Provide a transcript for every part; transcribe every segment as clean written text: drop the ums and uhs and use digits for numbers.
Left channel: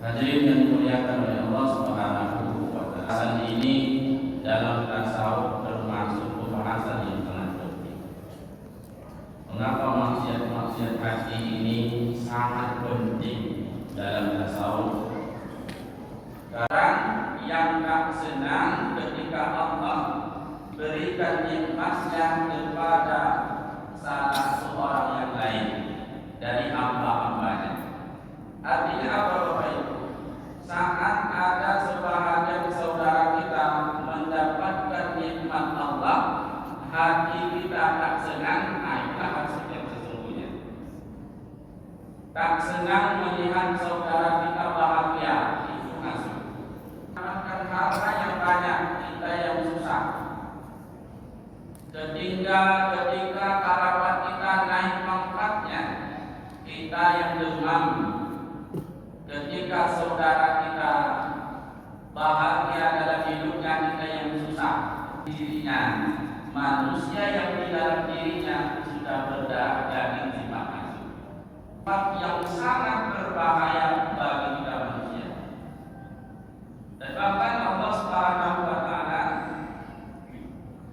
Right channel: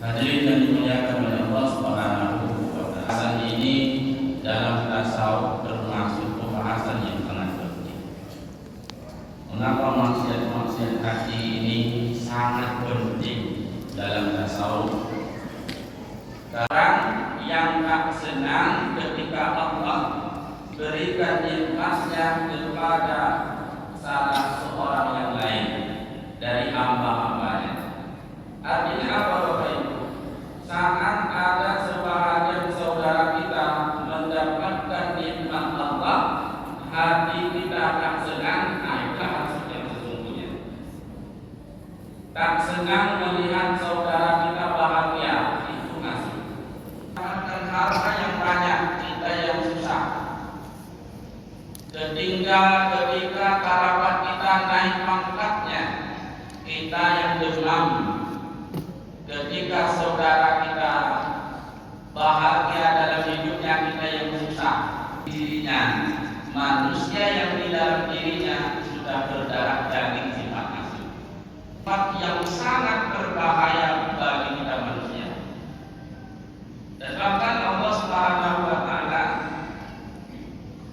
Hadirin yang dimuliakan oleh Allah Subhanahu wa Ta'ala. Pembahasan ini dalam tasawuf bermaksud pembahasan yang sangat penting. Kenapa maksiat hati ini sangat penting dalam tasawuf? Orang yang tak senang ketika Allah berikan nikmatnya kepada salah seorang yang lain dari hamba-hambanya. Artinya apa Bapak Ibu? Saat ada sebahagian saudara kita mendapatkan nikmat Allah, hati kita tak senang, itulah maksud yang sesungguhnya. Tak senang melihat saudara kita bahagia, itu maksud. Mendapatkan harta yang banyak, kita yang susah. Ketika kerabat kita naik pangkatnya, kita yang demam. Ketika saudara kita bahagia dalam hidupnya, kita yang susah. Dirinya, manusia yang di dalam dirinya sudah berdarah daging sifat hasud, sifat yang sangat berbahaya bagi kita manusia. Dan bahkan Allah Subhanahu wa Ta'ala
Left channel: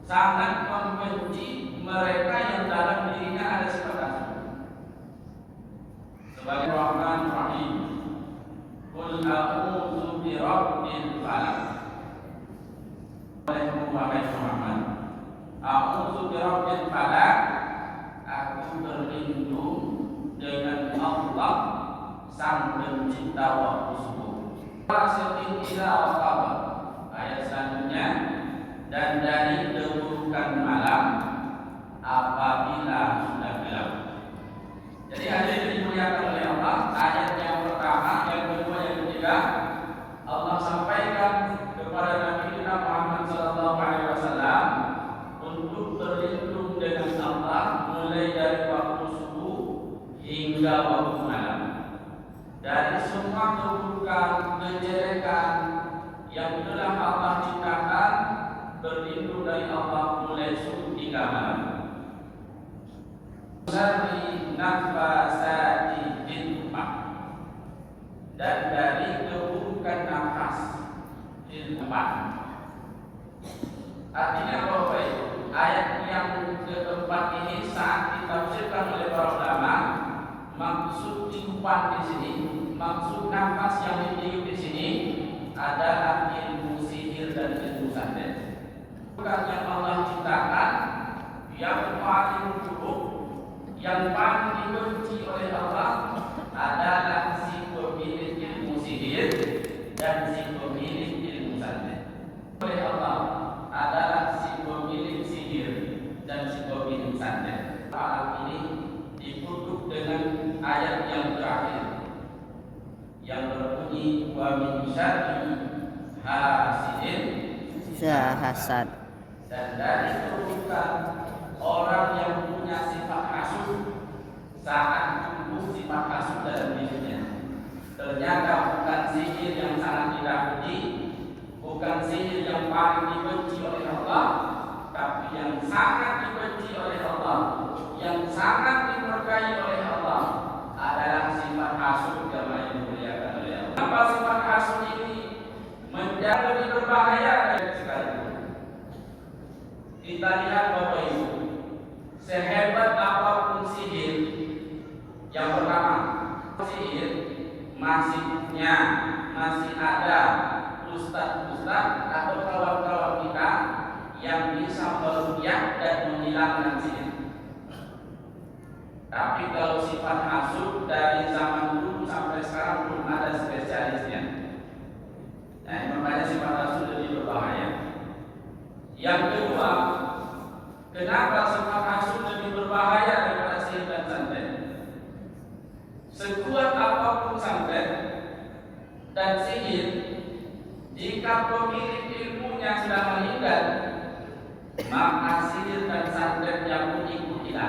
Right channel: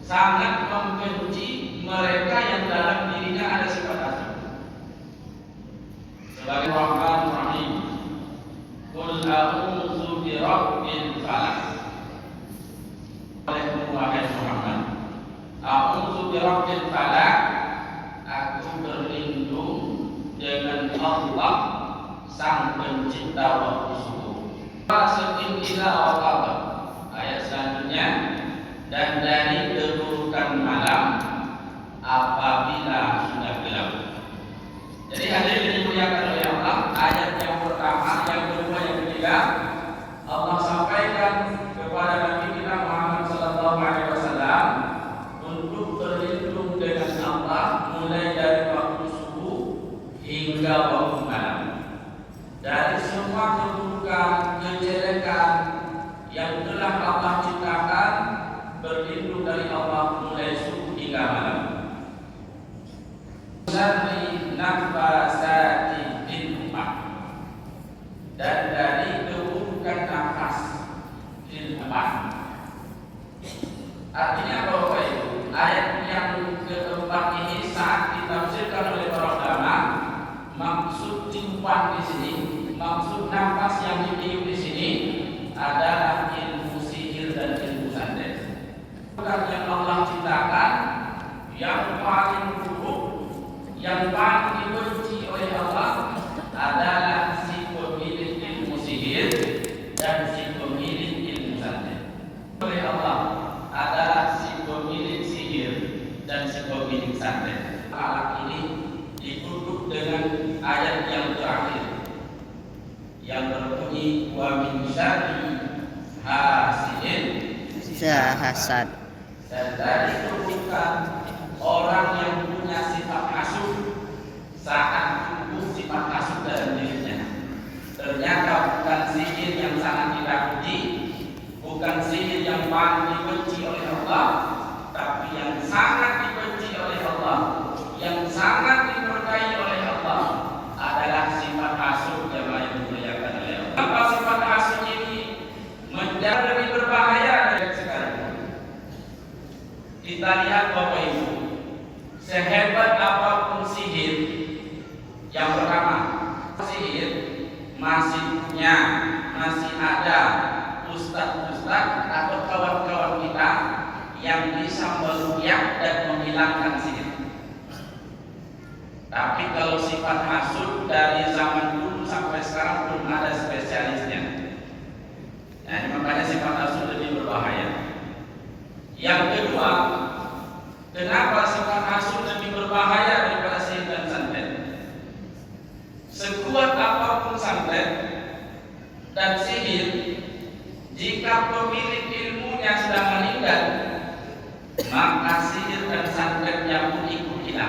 sangat membenci mereka yang dalam dirinya ada sifat hasud. Sebagai Rahman Rahim, Qul a'udzu birabbil falaq. Wahai Muhammad, a'udzu birabbil falaq, aku berlindung dengan Allah sang pencipta waktu subuh. Masukin ila waqab. Ayat selanjutnya, dan dari keburukan malam apabila sudah gelap. Jadi hadirin dimuliakan oleh Allah, ayat yang pertama, yang kedua, yang ketiga, Allah sampaikan kepada Nabi kita Muhammad sallallahu alaihi wasallam untuk berlindung dengan Allah mulai dari waktu subuh hingga waktu malam dari semua keburukan, kejelekan yang telah Allah ciptakan. Berlindung dari Allah mulai subuh hingga malam. Syarri nafasati fil ummah, dan dari keburukan nafas fil ummah. Artinya apa Bapak Ibu? Ayat yang keempat ini saat ditafsirkan oleh para ulama, maksud tiupan di sini, maksud nafas yang ditiup di sini adalah ilmu sihir dan ilmu santet. Bukan yang Allah ciptakan, yang paling buruk, yang paling dibenci oleh Allah adalah si pemilik ilmu sihir dan si pemilik ilmu santet. Oleh Allah adalah si pemilik sihir dan si pemilik santet. Alat ini ditutup dengan ayat yang terakhir yang berbunyi wa min syarri hasidin idza hasad. Dan dari keburukan orang yang punya sifat hasud saat tumbuh sifat hasud dalam dirinya. Ternyata bukan sihir yang sangat ditakuti, bukan sihir yang paling dibenci oleh Allah, tapi yang sangat dibenci oleh Allah, yang sangat dimurkai oleh Allah adalah sifat hasud yang dimuliakan oleh Allah. Apa sifat hasud ini menjadi lebih berbahaya dari sekarang? Kita lihat Bapak Ibu, sehebat apapun sihir, yang pertama, sihir masih ada ustadz-ustadz atau kawan-kawan kita yang bisa meruqyah dan menghilangkan sihir. Tapi kalau sifat hasud dari zaman dulu sampai sekarang belum ada spesialisnya. Nah, makanya sifat hasud lebih berbahaya. Yang kedua, kenapa sifat hasud lebih berbahaya daripada sihir dan santet? Sekuat apapun santet dan sihir, jika pemilik ilmunya sudah meninggal, maka sihir dan santetnya pun ikut hilang.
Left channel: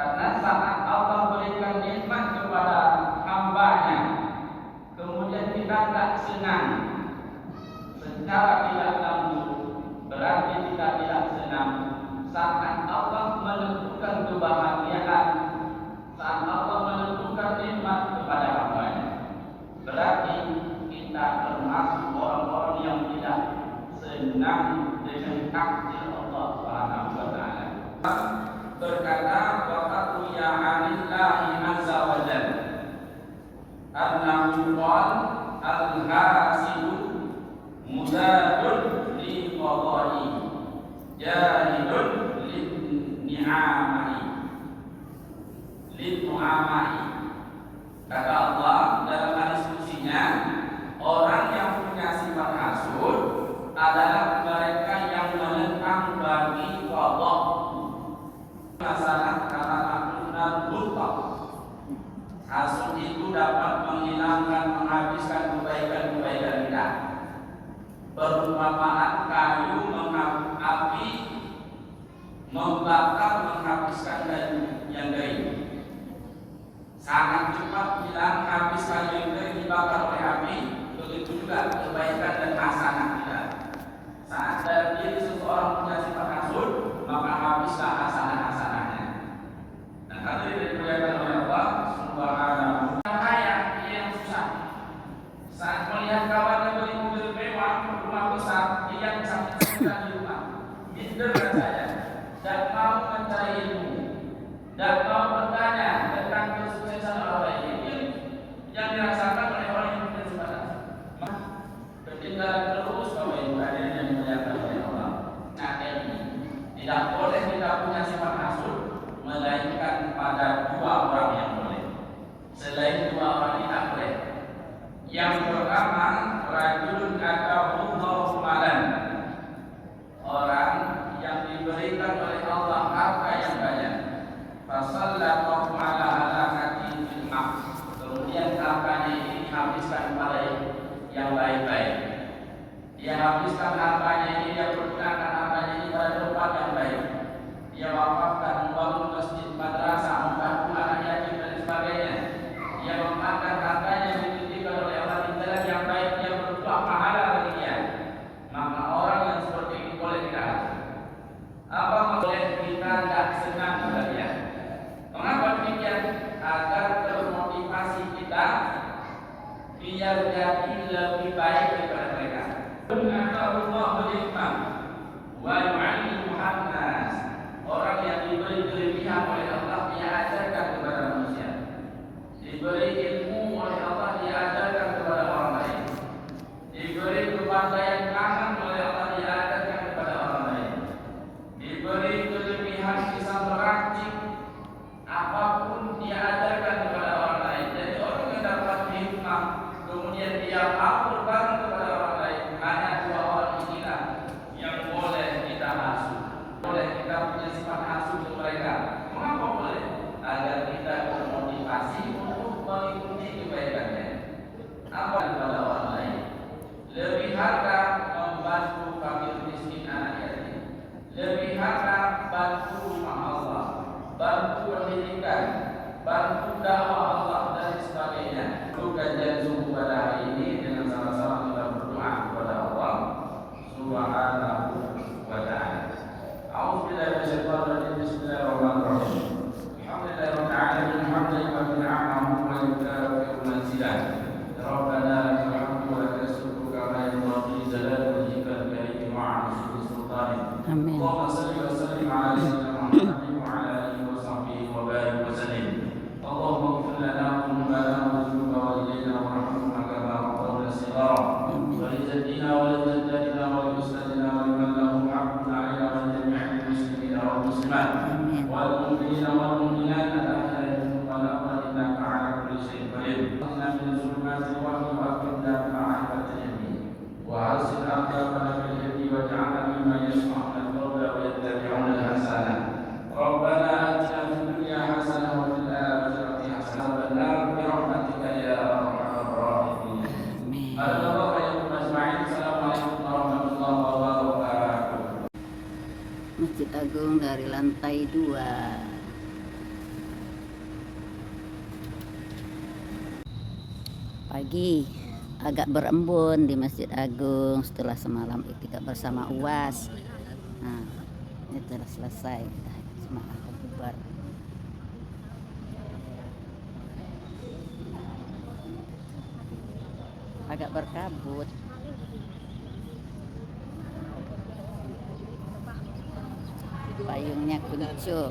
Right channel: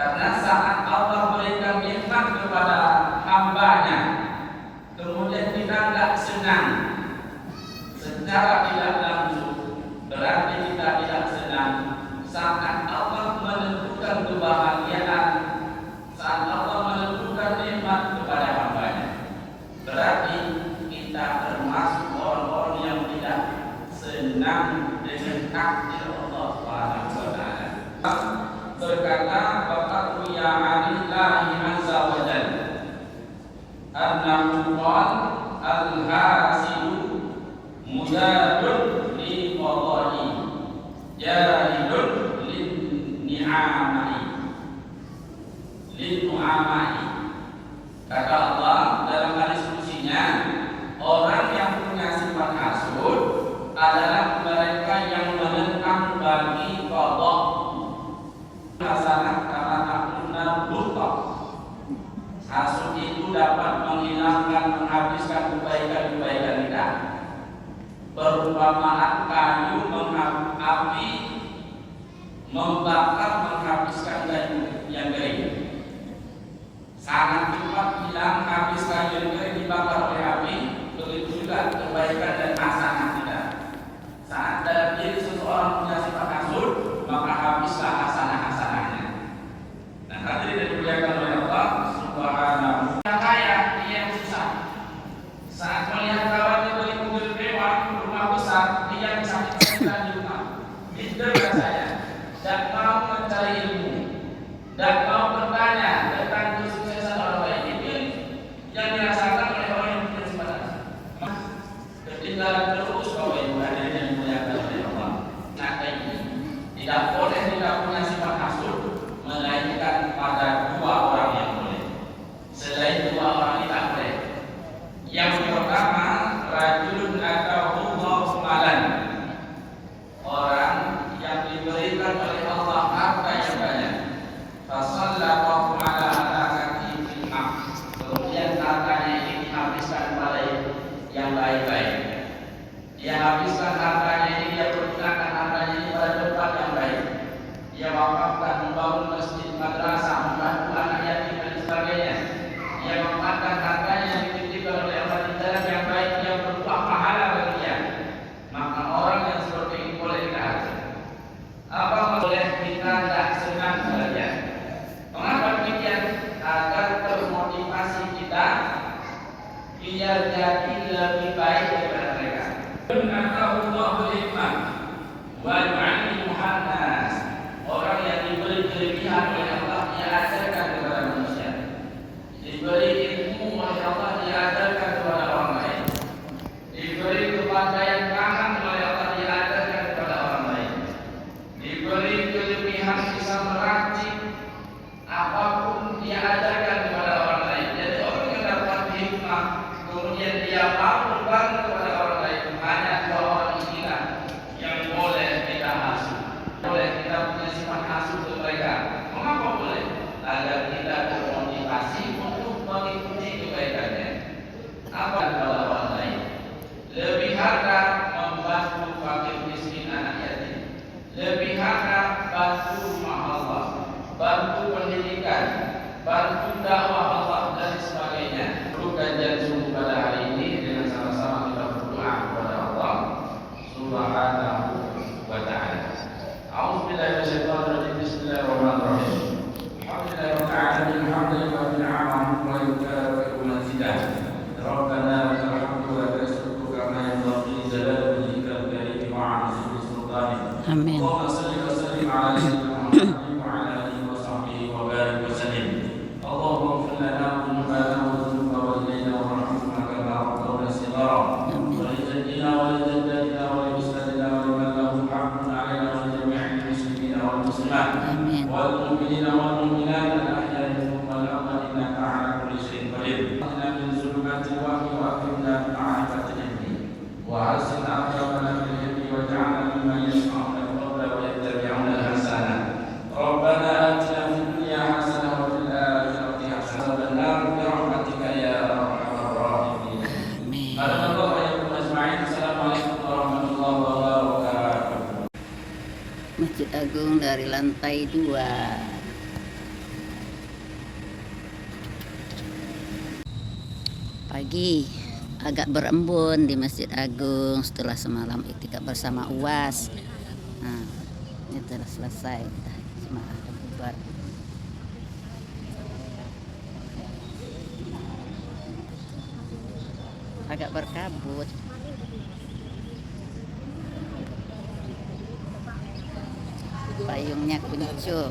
Karena saat Allah berikan nikmat kepada hambanya, kemudian kita tidak senang secara tidak langsung, berarti kita tidak senang. Saat Allah menentukan kebahagiaan, saat Allah menentukan nikmat kepada hambanya, berarti kita termasuk orang-orang yang tidak senang dengan takdir Allah Subhanahu wa taala. Berkata waqad ya alillahi azza wa jalla annahu qala al-hasidu mujadun li qada'i jahidun lin ni'amai lin nu'amai. Kata Allah dalam hadis kutsinya, orang yang punya sifat hasud adalah mereka yang menentang bagi qada hasanah karena takuna lupa. Hasud itu dapat menghilangkan, menghabiskan kebaikan-kebaikan kita. Perumpamaan kayu api membakar, menghabiskan kayu yang kering. Sangat cepat hilang habis kayu yang kering dibakar oleh api. Begitu juga kebaikan dan hasanah kita. Saat dalam diri seseorang punya sifat hasud, maka habislah hasanah-hasanahnya. Nah, hadirin yang dimuliakan oleh Allah Subhanahu. Yang kaya, dia yang susah. Saat melihat kawannya beli mobil mewah, rumah besar, dia yang sakit-sakitan di rumah. Itu saya. Dan mau mencari ilmu, dan mau bertanya tentang kesuksesan orang lain. Itu yang dirasakan oleh orang yang punya sifat hasud. Ketinggalan terus bahwa ibu hadirin yang dimuliakan oleh Allah. Nah, ini tidak boleh tidak punya sifat hasud, melainkan pada dua orang yang boleh. Selain dua orang tidak boleh. Yang pertama, rajulun atauhu malan, orang yang diberikan oleh Allah harta yang banyak. Fasallallahu ala halakati fil haq, kemudian hartanya ini dihabiskan pada yang baik-baik. Dia habiskan hartanya ini, dia gunakan hartanya ini pada tempat yang baik. Dia wakafkan, membangun masjid, madrasah, membantu anak yatim dan sebagainya. Dia memakan hartanya yang dititipkan oleh Allah di jalan yang baik, dia berbuah pahala bagi dia. Maka orang yang seperti ini boleh dihasut. Apa boleh kita tidak senang saja? Mengapa demikian? Agar termotivasi kita biar jadi lebih baik daripada mereka. Allah berlimpah wa yu'allimu hannas, orang yang diberi kelebihan oleh Allah dia ajarkan kepada manusia, diberi ilmu oleh Allah dia ajarkan kepada orang lain, diberi kepandaian tangan oleh Allah dia ajarkan kepada orang lain, diberi kelebihan bisa meracik apapun dia ajarkan kepada orang lain. Jadi orang yang dapat hikmah kemudian dia mau berbagi kepada orang lain, hanya dua orang inilah yang boleh kita hasud. Boleh kita punya sifat hasud ke mereka. Mengapa boleh? Agar kita termotivasi untuk mengikuti kebaikannya. Apa kepada orang lain? Lebih harta membantu fakir miskin anak yatim. Lebih harta bantu rumah Allah, bantu pendidikan, bantu dakwah Allah dan sebagainya. Kajian subuh pada hari ini dengan sama-sama kita berdoa kepada Allah Subhanahu wa taala. A'udzubillahi minasyaitonir rajim. Bismillahirrahmanirrahim. Alhamdulillahirabbil alamin, hamdan wa yukafi'u mazidah. Rabbana lakal hamdu wa lakal syukru kama yanbaghi li jalali wajhikal karim wa 'azimi sultanik. Amin. Allahumma shalli wa sallim ala sayyidina Muhammadin wa ala alihi wa sahbihi wa barik wa sallim. Allahumma ighfir lana dhunubana wa dhunub walidayna warhamhuma kama rabbawna shighara. ولجدنا ولجدتنا ولأستاذنا ولمن له حق علينا ولجميع المسلمين والمسلمات والمؤمنين والمؤمنات الأحياء منهم والأموات إنك على كل شيء قدير. اخرجنا من ظلمات الوهم وأكرمنا بمعرفة العلم وحسن أخلاقنا في العلم واجعلنا ممن يسمعون القول ويتبعون الحسنة. ربنا آتنا في الدنيا حسنة وفي الآخرة حسنة وقنا عذاب النار برحمتك يا أرحم الراحمين. Assalamualaikum warahmatullahi wabarakatuh. Masjid Agung dari lantai 2. Pagi agak berembun di Masjid Agung setelah semalam iktikaf bersama UAS. Nah, ini telah selesai, jemaah bubar. Agak berkabut. Payungnya kuncup.